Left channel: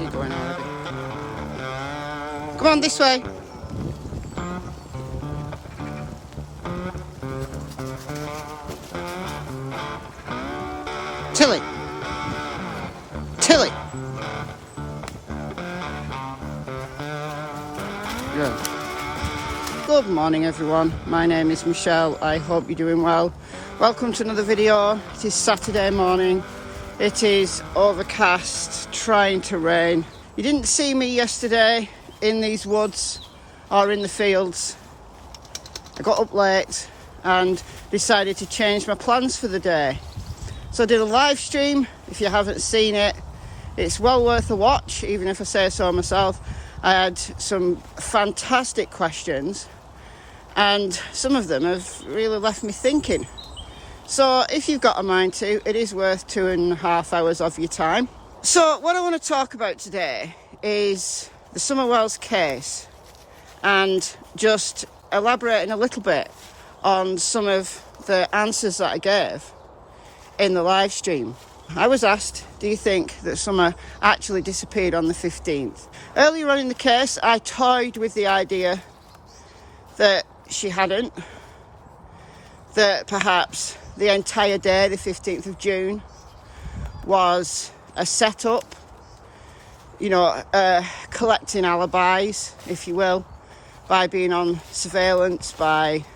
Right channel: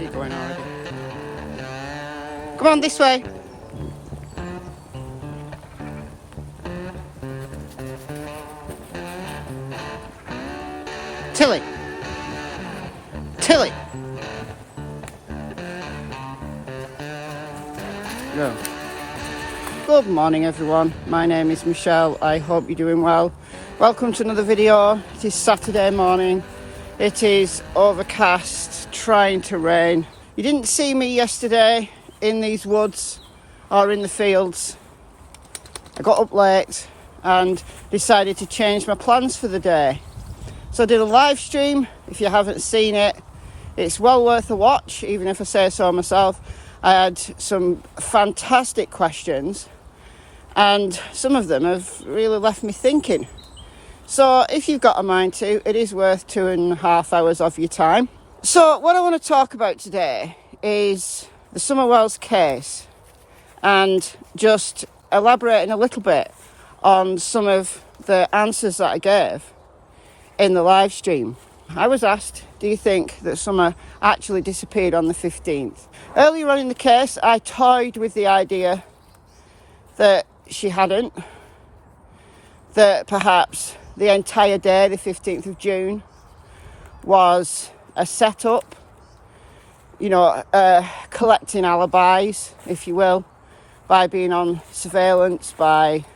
she going already? Come on, this way. Tilly. Tilly. Go. Good morning, everyone. My name is Michelle. I hope you're doing well. Welcome to another video. It is Saturday morning. It is overcast, trying to rain. You didn't see me yesterday in these woods or in the fields. I got up late and decided to change my plans for the day. So I did a live stream. If you haven't seen it, it's well worth a watch, even if I say so myself. I had some fantastic questions and some of them have really left me thinking. So if you've got a mind to, it is worth 2.5 hours of your time. So what I want to talk about today is the Summer Wells case and just elaborating a little bit on some of the answers that I gave in the live stream. I was asked, do you think that Summer actually disappeared on the 15th? Earlier on in the case, I toyed with the idea that she hadn't, that perhaps the entire day, the 15th of June, was a setup, collecting alibis, if you will, by being on surveillance, by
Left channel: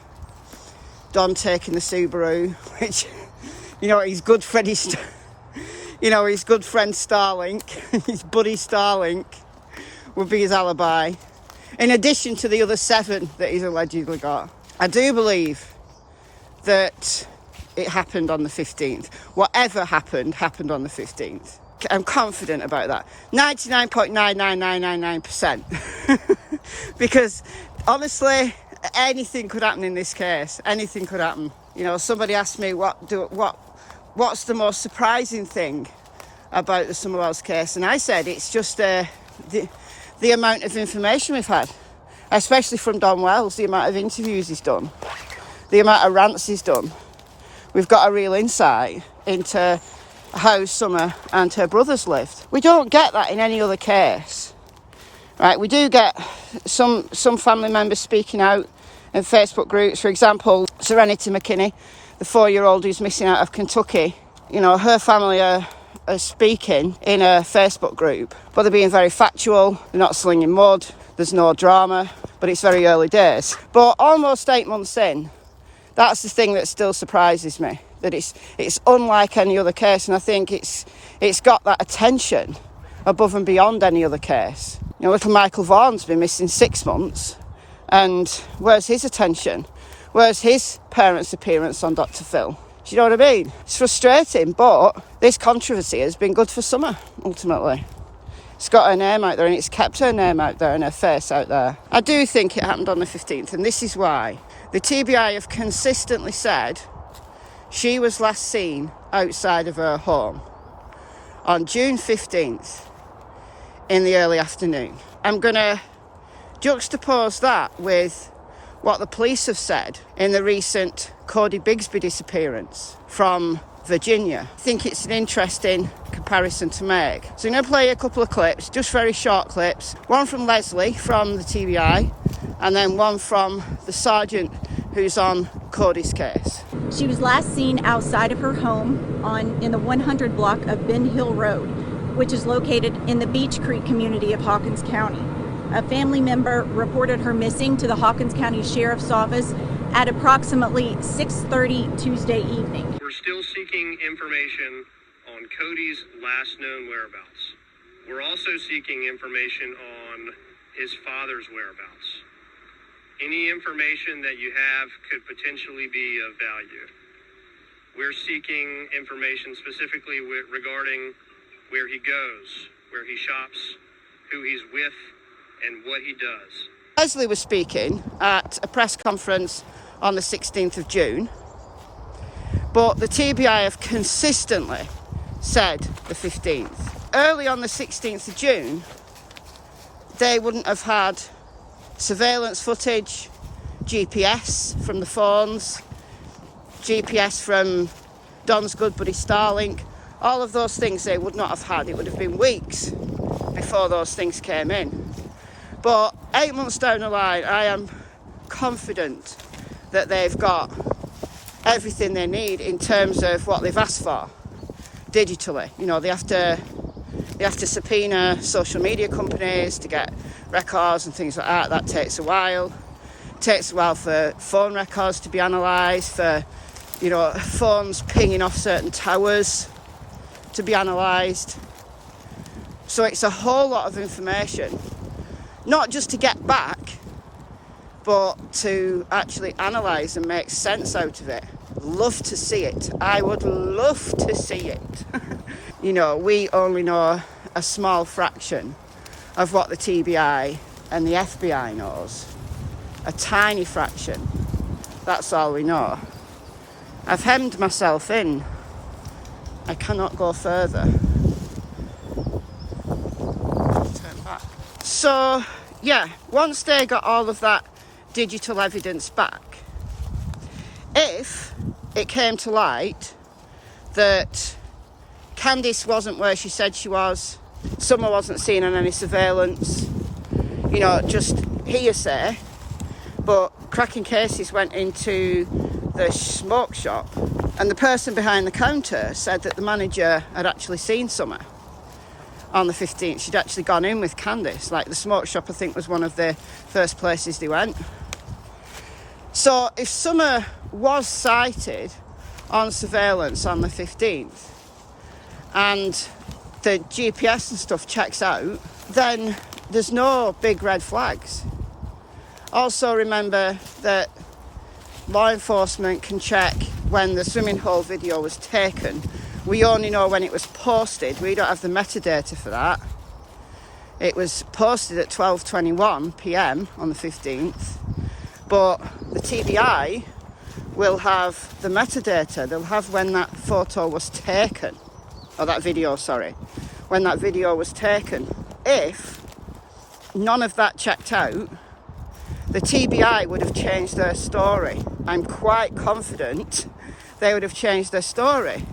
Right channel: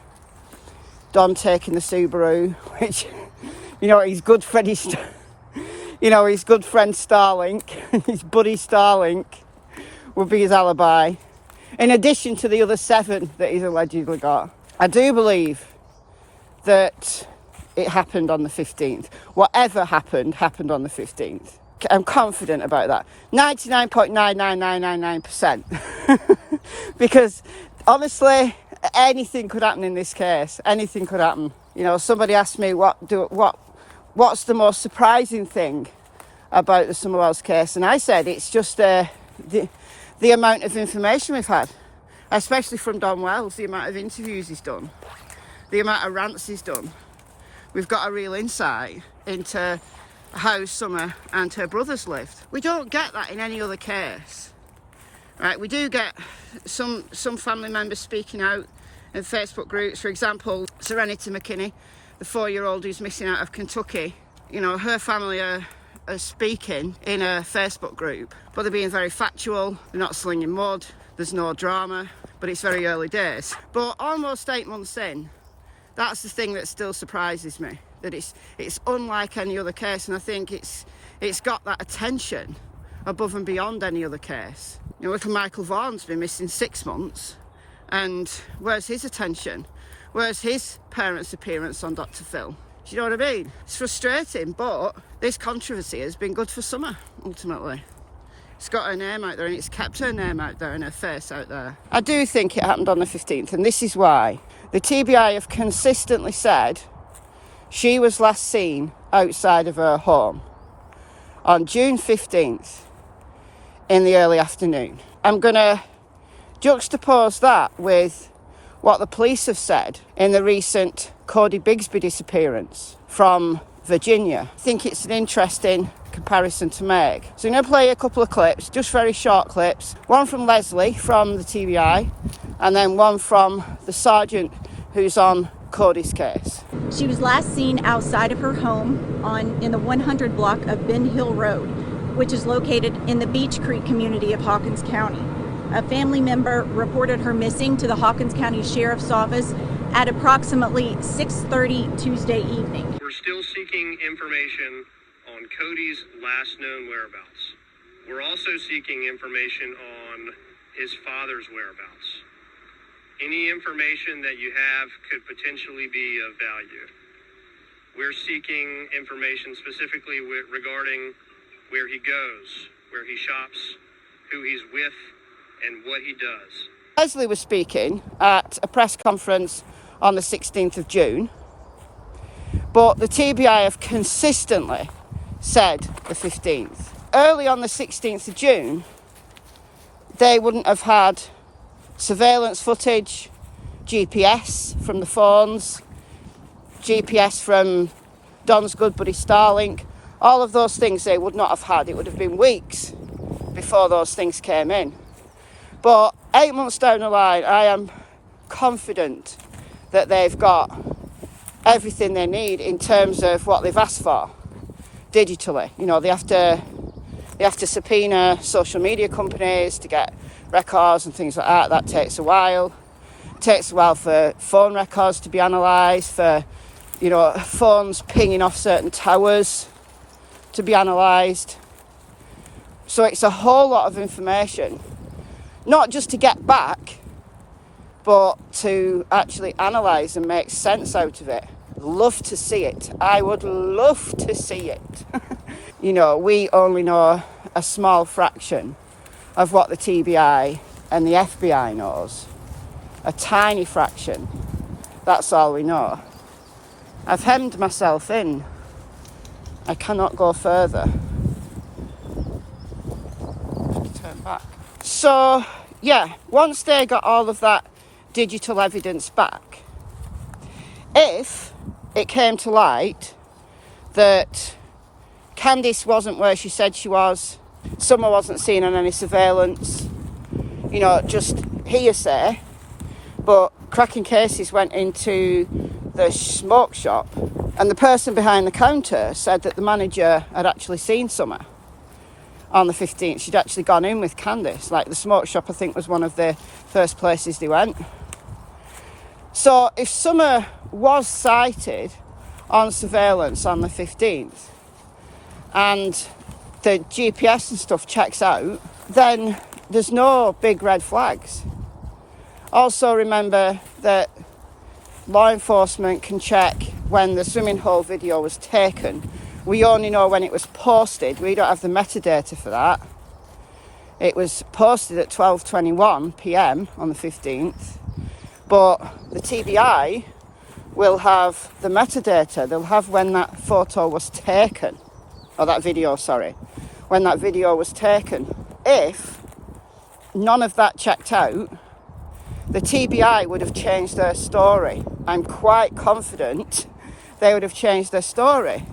Don taking the Subaru, which, his good friend, his good friend Starlink, his buddy Starlink, would be his alibi, in addition to the other 7 that he's allegedly got. I do believe that it happened on the 15th. Whatever happened on the 15th. I'm confident about that. 99.99999%. Because, honestly, anything could happen in this case. Anything could happen. Somebody asked me what's the most surprising thing about the Summer Wells case, and I said it's just the amount of information we've had, especially from Don Wells, the amount of interviews he's done, the amount of rants he's done. We've got a real insight into how Summer and her brothers lived. We don't get that in any other case, right? We do get some family members speaking out in Facebook groups. For example, Serenity McKinney, the 4-year-old who's missing out of Kentucky. Her family are speaking in a Facebook group, but they're being very factual. They're not slinging mud. There's no drama, but it's very early days. But almost 8 months in, that's the thing that still surprises me, that it's unlike any other case, and I think it's got that attention above and beyond any other case. Little Michael Vaughan's been missing 6 months, and where's his attention? Where's his parents' appearance on Dr. Phil? Do you know what I mean? It's frustrating, but this controversy has been good for Summer, ultimately. It's got her name out there, and it's kept her name out there and her face out there. I do think it happened on the 15th, and this is why. The TBI have consistently said she was last seen outside of her home on June 15th in the early afternoon. I'm going to juxtapose that with what the police have said in the recent Cody Bigsby disappearance from Virginia. I think it's an interesting comparison to make. So I'm going to play a couple of clips, just very short clips. One from Leslie from the TBI, and then one from the sergeant who's on Cody's case. She was last seen outside of her home in the 100 block of Ben Hill Road, which is located in the Beach Creek community of Hawkins County. A family member reported her missing to the Hawkins County Sheriff's Office at approximately 6:30 Tuesday evening. We're still seeking information on Cody's last known whereabouts. We're also seeking information on his father's whereabouts. Any information that you have could potentially be of value. We're seeking information specifically regarding where he goes, where he shops, who he's with, and what he does. Leslie was speaking at a press conference on the 16th of June, but the TBI have consistently said the 15th. Early on the 16th of June, they wouldn't have had surveillance footage, GPS from the phones, GPS from Don's good buddy Starlink. All of those things they would not have had. It would have been weeks before those things came in. But 8 months down the line, I am confident that they've got everything they need in terms of what they've asked for digitally. You know, they have to subpoena social media companies to get records and things like that. That takes a while. It takes a while for phone records to be analysed, for, you know, phones pinging off certain towers to be analysed. So it's a whole lot of information, not just to get back, but to actually analyse and make sense out of it. I'd love to see it. I would love to see it. You know, we only know a small fraction of what the TBI and the FBI knows. A tiny fraction. That's all we know. I've hemmed myself in. I cannot go further. Turn back. So, yeah, once they got all of that digital evidence back, if it came to light that Candice wasn't where she said she was, Summer wasn't seen on any surveillance, you know, just hearsay, but cracking cases went into the smoke shop, and the person behind the counter said that the manager had actually seen Summer on the 15th. She'd actually gone in with Candice. Like, the smoke shop, I think, was one of the first places they went. So if Summer was sighted on surveillance on the 15th and the GPS and stuff checks out, then there's no big red flags. Also remember that law enforcement can check when the swimming hole video was taken. We only know when it was posted. We don't have the metadata for that. It was posted at 12:21 p.m. on the 15th, but the TBI will have the metadata. They'll have when that photo was taken, or that video, sorry, when that video was taken. If none of that checked out, the TBI would have changed their story. I'm quite confident they would have changed their story.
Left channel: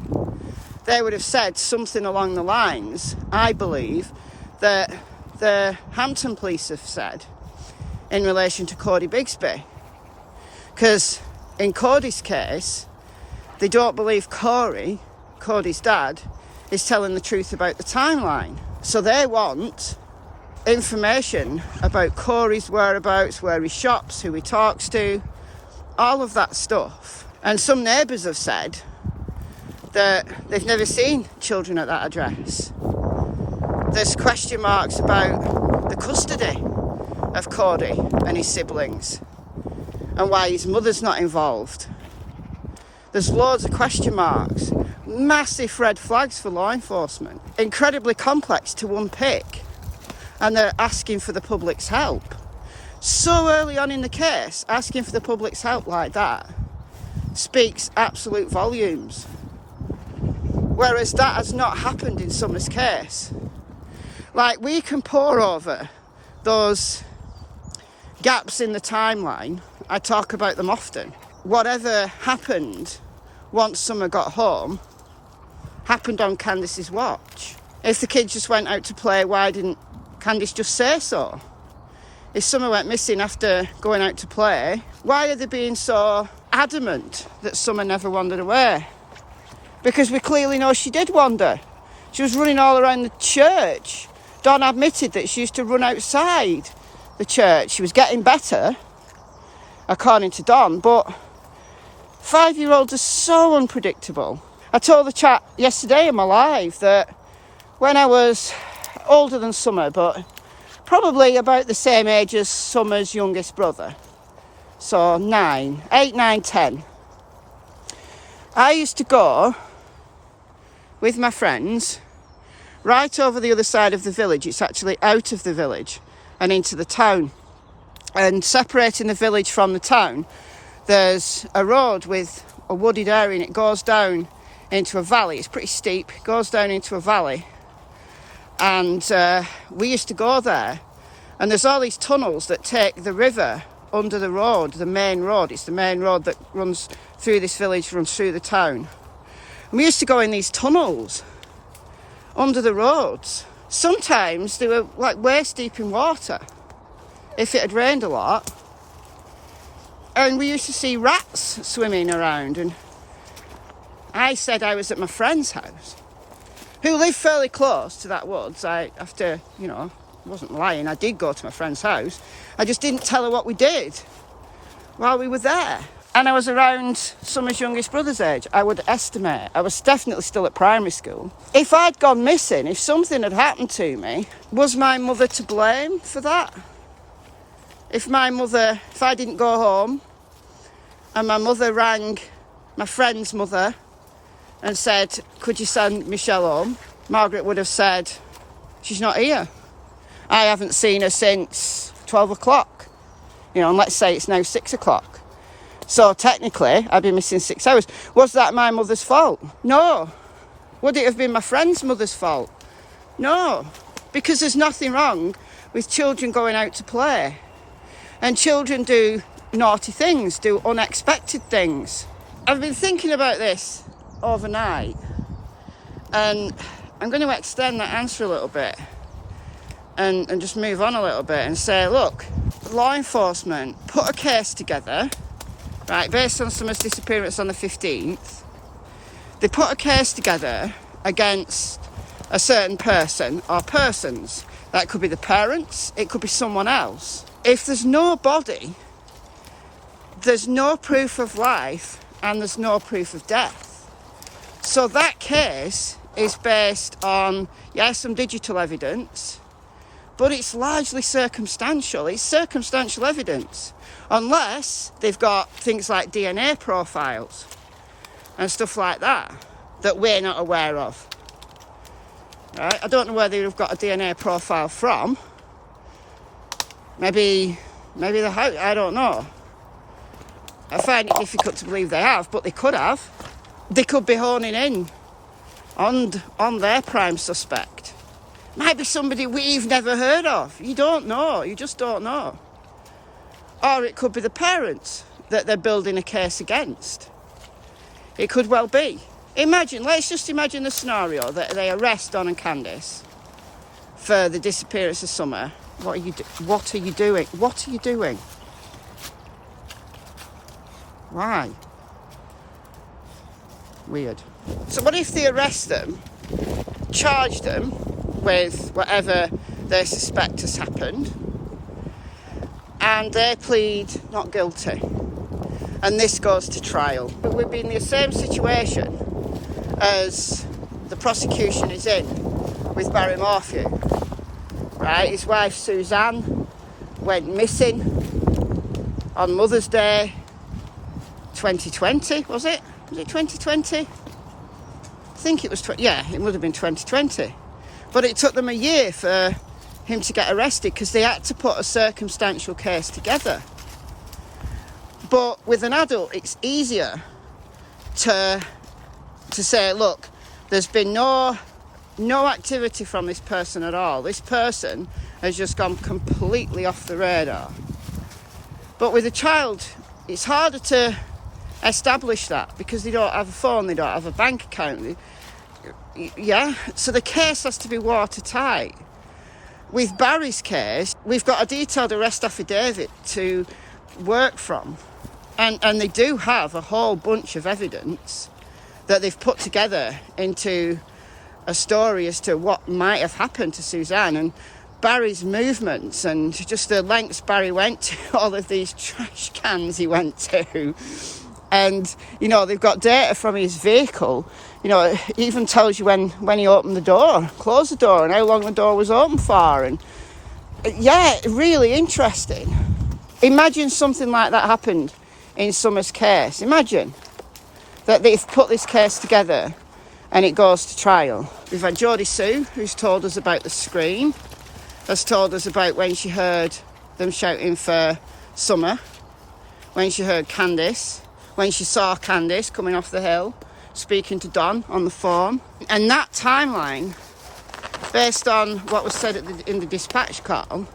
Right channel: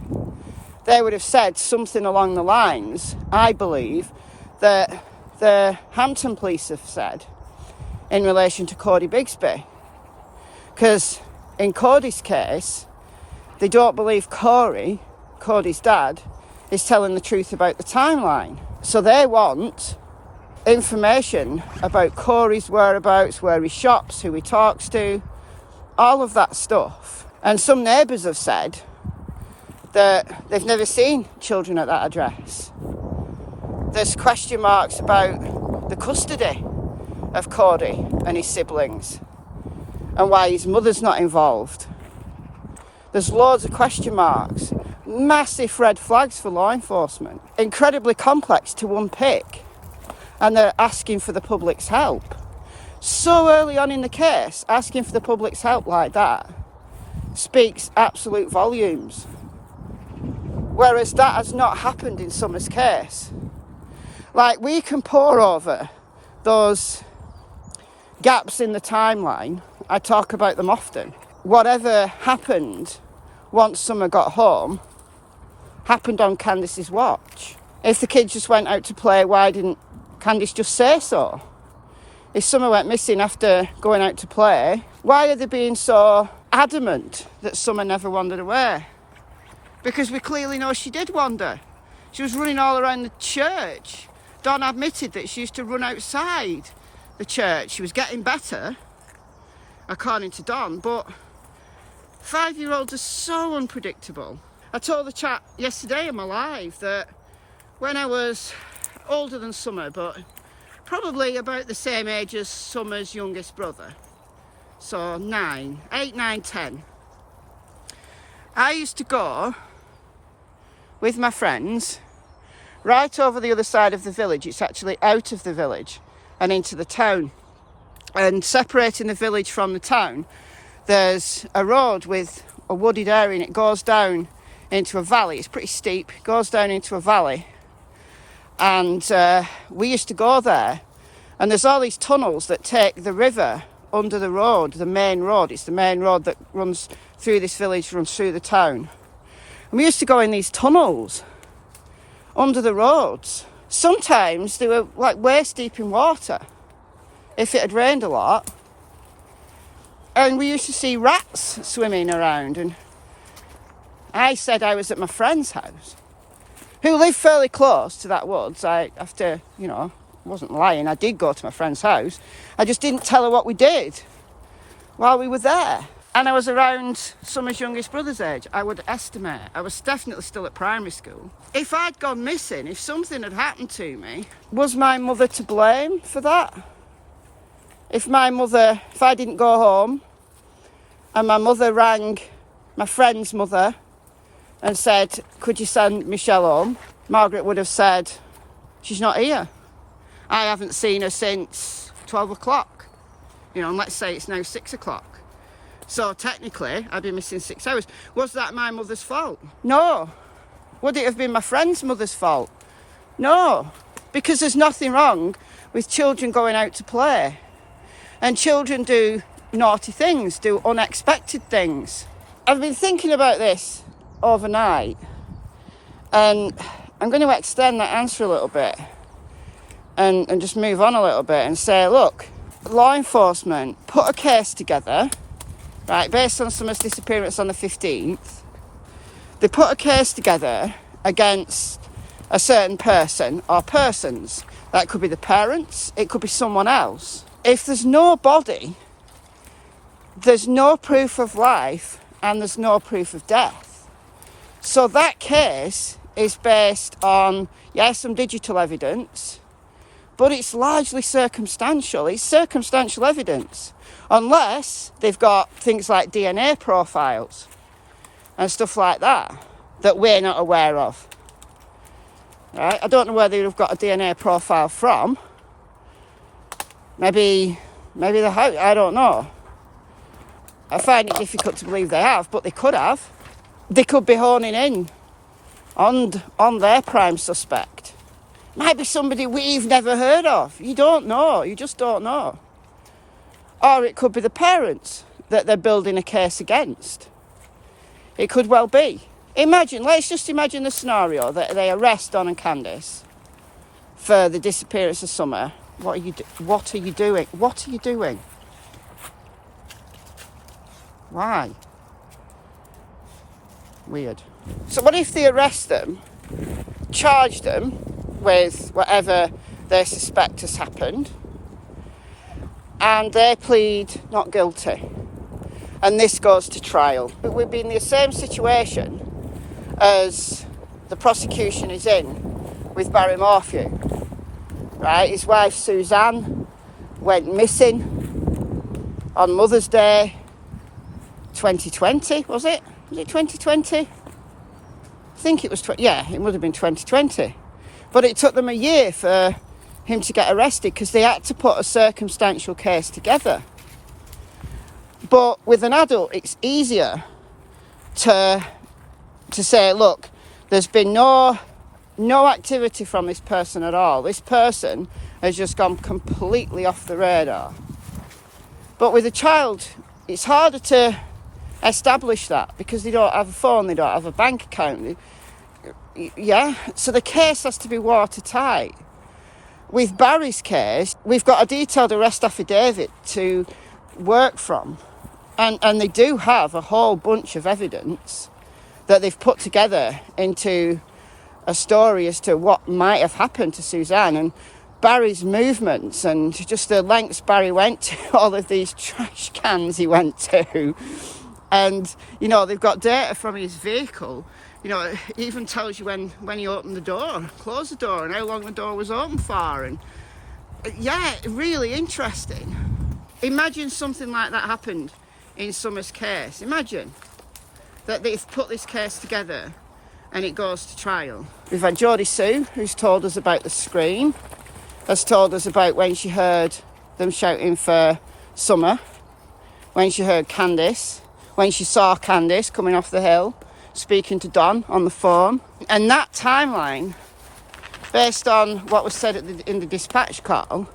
They would have said something along the lines, I believe, that the Hampton police have said in relation to Cody Bigsby. Because in Cody's case, they don't believe Corey, Cody's dad, is telling the truth about the timeline. So they want information about Corey's whereabouts, where he shops, who he talks to, all of that stuff. And some neighbours have said that they've never seen children at that address. There's question marks about the custody of Cody and his siblings and why his mother's not involved. There's loads of question marks, massive red flags for law enforcement, incredibly complex to unpick, and they're asking for the public's help. So early on in the case, asking for the public's help like that speaks absolute volumes. Whereas that has not happened in Summer's case. Like, we can pore over those gaps in the timeline. I talk about them often. Whatever happened once Summer got home happened on Candice's watch. If the kids just went out to play, why didn't Candice just say so? If Summer went missing after going out to play, why are they being so adamant that Summer never wandered away? Because we clearly know she did wander. She was running all around the church. Dawn admitted that she used to run outside the church. She was getting better, according to Dawn, but 5-year-olds are so unpredictable. I told the chat yesterday in my live that when I was older than Summer, but probably about the same age as Summer's youngest brother, so 8, 9, 10, I used to go with my friends right over the other side of the village. It's actually out of the village and into the town. And separating the village from the town, there's a road with a wooded area, and it goes down into a valley. It's pretty steep. It goes down into a valley. And we used to go there. And there's all these tunnels that take the river under the road, the main road. It's the main road that runs through this village, runs through the town. And we used to go in these tunnels under the roads. sometimes they were like waist deep in water if it had rained a lot. And we used to see rats swimming around, and I said I was at my friend's house, who lived fairly close to that woods. I wasn't lying, I did go to my friend's house. I just didn't tell her what we did while we were there. And I was around Summer's youngest brother's age, I would estimate. I was definitely still at primary school. If I'd gone missing, if something had happened to me, was my mother to blame for that? If I didn't go home and my mother rang my friend's mother and said, could you send Michelle home? Margaret would have said, she's not here. I haven't seen her since 12 o'clock. And let's say it's now 6 o'clock. So technically, I'd be missing 6 hours. Was that my mother's fault? No. Would it have been my friend's mother's fault? No. Because there's nothing wrong with children going out to play. And children do naughty things, do unexpected things. I've been thinking about this overnight, and I'm going to extend that answer a little bit and just move on a little bit and say, look, law enforcement put a case together, right, based on Summer's disappearance on the 15th. They put a case together against a certain person or persons. That could be the parents, it could be someone else. If there's no body, there's no proof of life and there's no proof of death. So that case is based on, some digital evidence, but it's largely circumstantial. It's circumstantial evidence, unless they've got things like DNA profiles and stuff like that we're not aware of. Right? I don't know where they've got a DNA profile from. Maybe the house, I don't know. I find it difficult to believe they have, but they could have. They could be honing in on their prime suspect. Might be somebody we've never heard of. You don't know. You just don't know. Or it could be the parents that they're building a case against. It could well be. Let's just imagine the scenario that they arrest Don and Candice for the disappearance of Summer. What are you doing? What are you doing? Why? Weird. So what if they arrest them, charge them with whatever they suspect has happened, and they plead not guilty, and this goes to trial? But we'd be in the same situation as the prosecution is in with Barry Morphew, right? His wife Suzanne went missing on Mother's Day 2020, was it? Was it 2020? I think it was, it would have been 2020. But it took them a year for him to get arrested because they had to put a circumstantial case together. But with an adult, it's easier to say, look, there's been no activity from this person at all. This person has just gone completely off the radar. But with a child, it's harder to establish that because they don't have a phone, they don't have a bank account. So the case has to be watertight. With Barry's case, we've got a detailed arrest affidavit to work from, and they do have a whole bunch of evidence that they've put together into a story as to what might have happened to Suzanne and Barry's movements and just the lengths Barry went to, all of these trash cans he went to. And, they've got data from his vehicle. It even tells you when he opened the door, closed the door, and how long the door was open for. And, really interesting. Imagine something like that happened in Summer's case. Imagine that they've put this case together and it goes to trial. We've had Jodie Sue, who's told us about the scream, has told us about when she heard them shouting for Summer, when she heard Candice, when she saw Candice coming off the hill, speaking to Don on the phone. And that timeline, based on what was said in the dispatch call,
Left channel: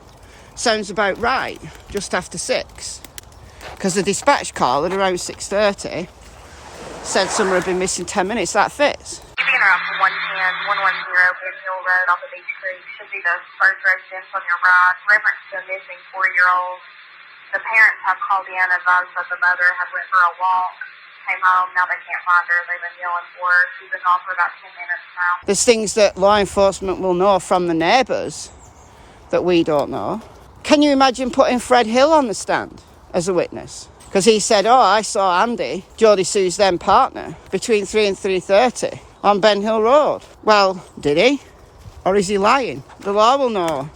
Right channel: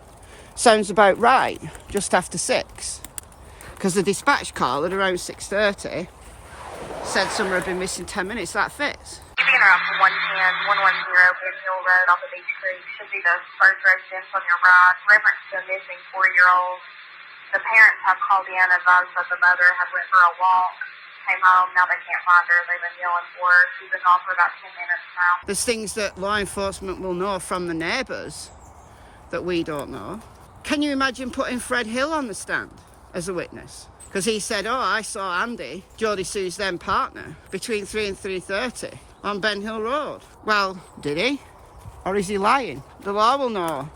sounds about right, just after 6. Because the dispatch call at around 6:30 said Summer had been missing 10 minutes. That fits. Interrupt 110, 110, Bin Hill Road off of Beach Creek. Should be the first residence on your right. Reference to a missing 4-year-old. The parents have called in and advised that the mother had went for a walk, came home, now they can't find her. They've been yelling for her. She's been gone for about 10 minutes now. There's things that law enforcement will know from the neighbours that we don't know. Can you imagine putting Fred Hill on the stand as a witness? Because he said, oh, I saw Andy, Jodie Sue's then partner, between 3 and 3:30 on Ben Hill Road. Well, did he? Or is he lying? The law will know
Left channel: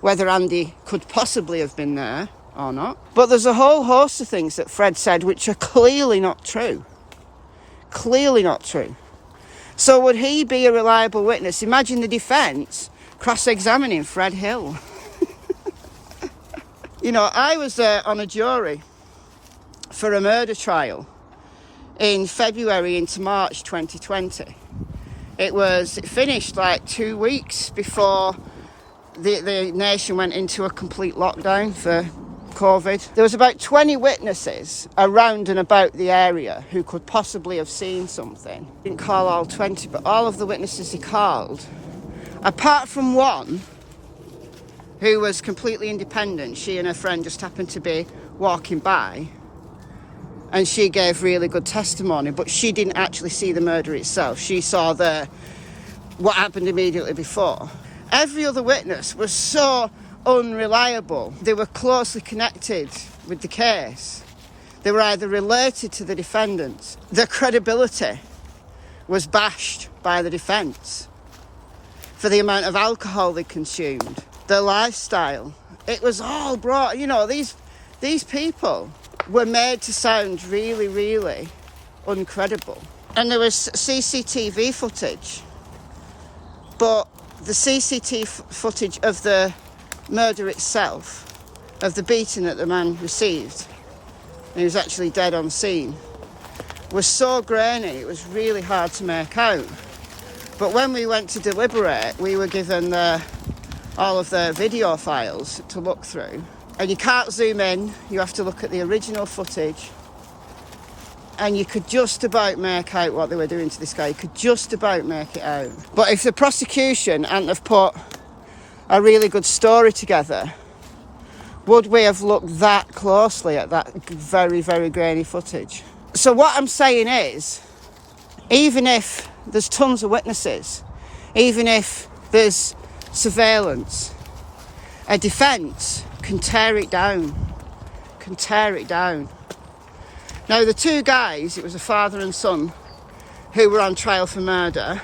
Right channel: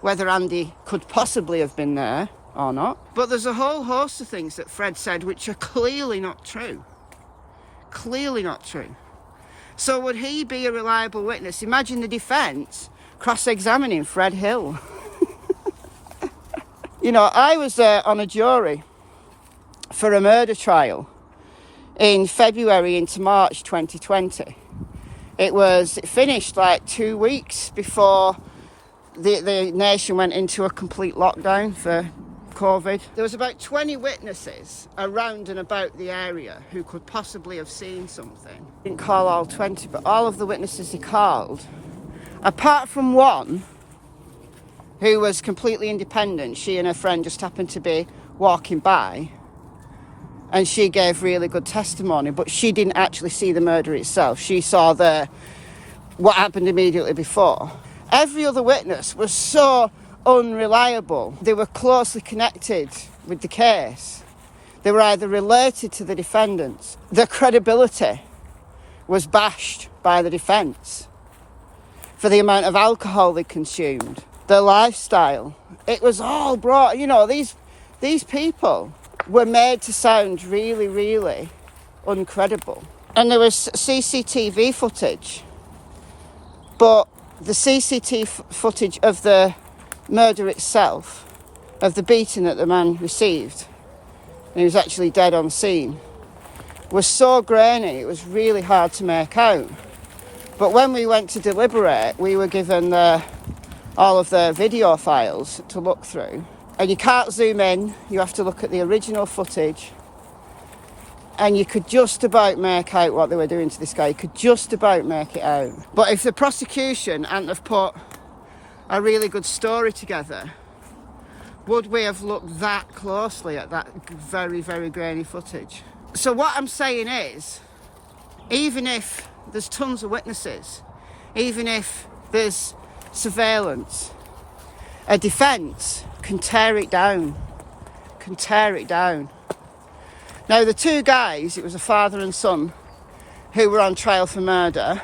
whether Andy could possibly have been there or not. But there's a whole host of things that Fred said which are clearly not true. Clearly not true. So would he be a reliable witness? Imagine the defence cross-examining Fred Hill. You know, I was on a jury for a murder trial in February into March 2020. It finished like 2 weeks before the nation went into a complete lockdown for COVID. There was about 20 witnesses around and about the area who could possibly have seen something. Didn't call all 20, but all of the witnesses he called, apart from one who was completely independent, she and her friend just happened to be walking by, and she gave really good testimony, but she didn't actually see the murder itself. She saw what happened immediately before. Every other witness was so unreliable. They were closely connected with the case. They were either related to the defendants. Their credibility was bashed by the defence for the amount of alcohol they consumed, their lifestyle. It was all brought, you know, these people were made to sound really, really uncredible. And there was CCTV footage, but the CCTV footage of the murder itself, of the beating that the man received, and he was actually dead on scene, was so grainy it was really hard to make out. But when we went to deliberate, we were given all of the video files to look through, and you can't zoom in, you have to look at the original footage, and you could just about make out what they were doing to this guy. You could just about make it out. But if the prosecution hadn't have put a really good story together, would we have looked that closely at that very, very grainy footage? So what I'm saying is, even if there's tons of witnesses, even if there's surveillance, a defence can tear it down, Now, the two guys, it was a father and son, who were on trial for murder,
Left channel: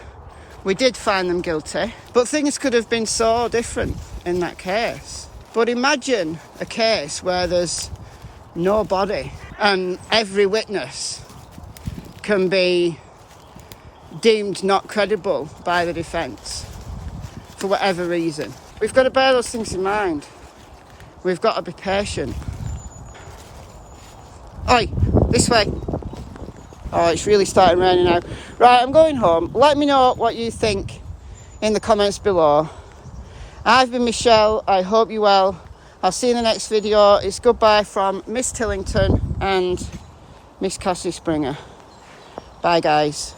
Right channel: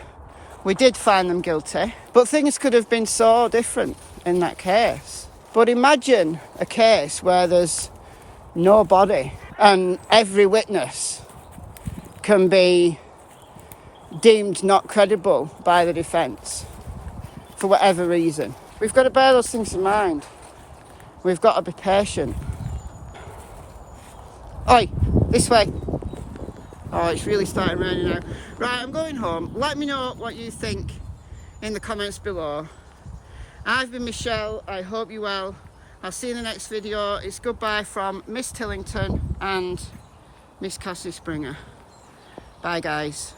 we did find them guilty, but things could have been so different in that case. But imagine a case where there's no body and every witness can be deemed not credible by the defence for whatever reason. We've got to bear those things in mind. We've got to be patient. Oi, this way. Oh, it's really starting raining now. Right, I'm going home. Let me know what you think in the comments below. I've been Michelle. I hope you're well. I'll see you in the next video. It's goodbye from Miss Tillington and Miss Cassie Springer. Bye, guys.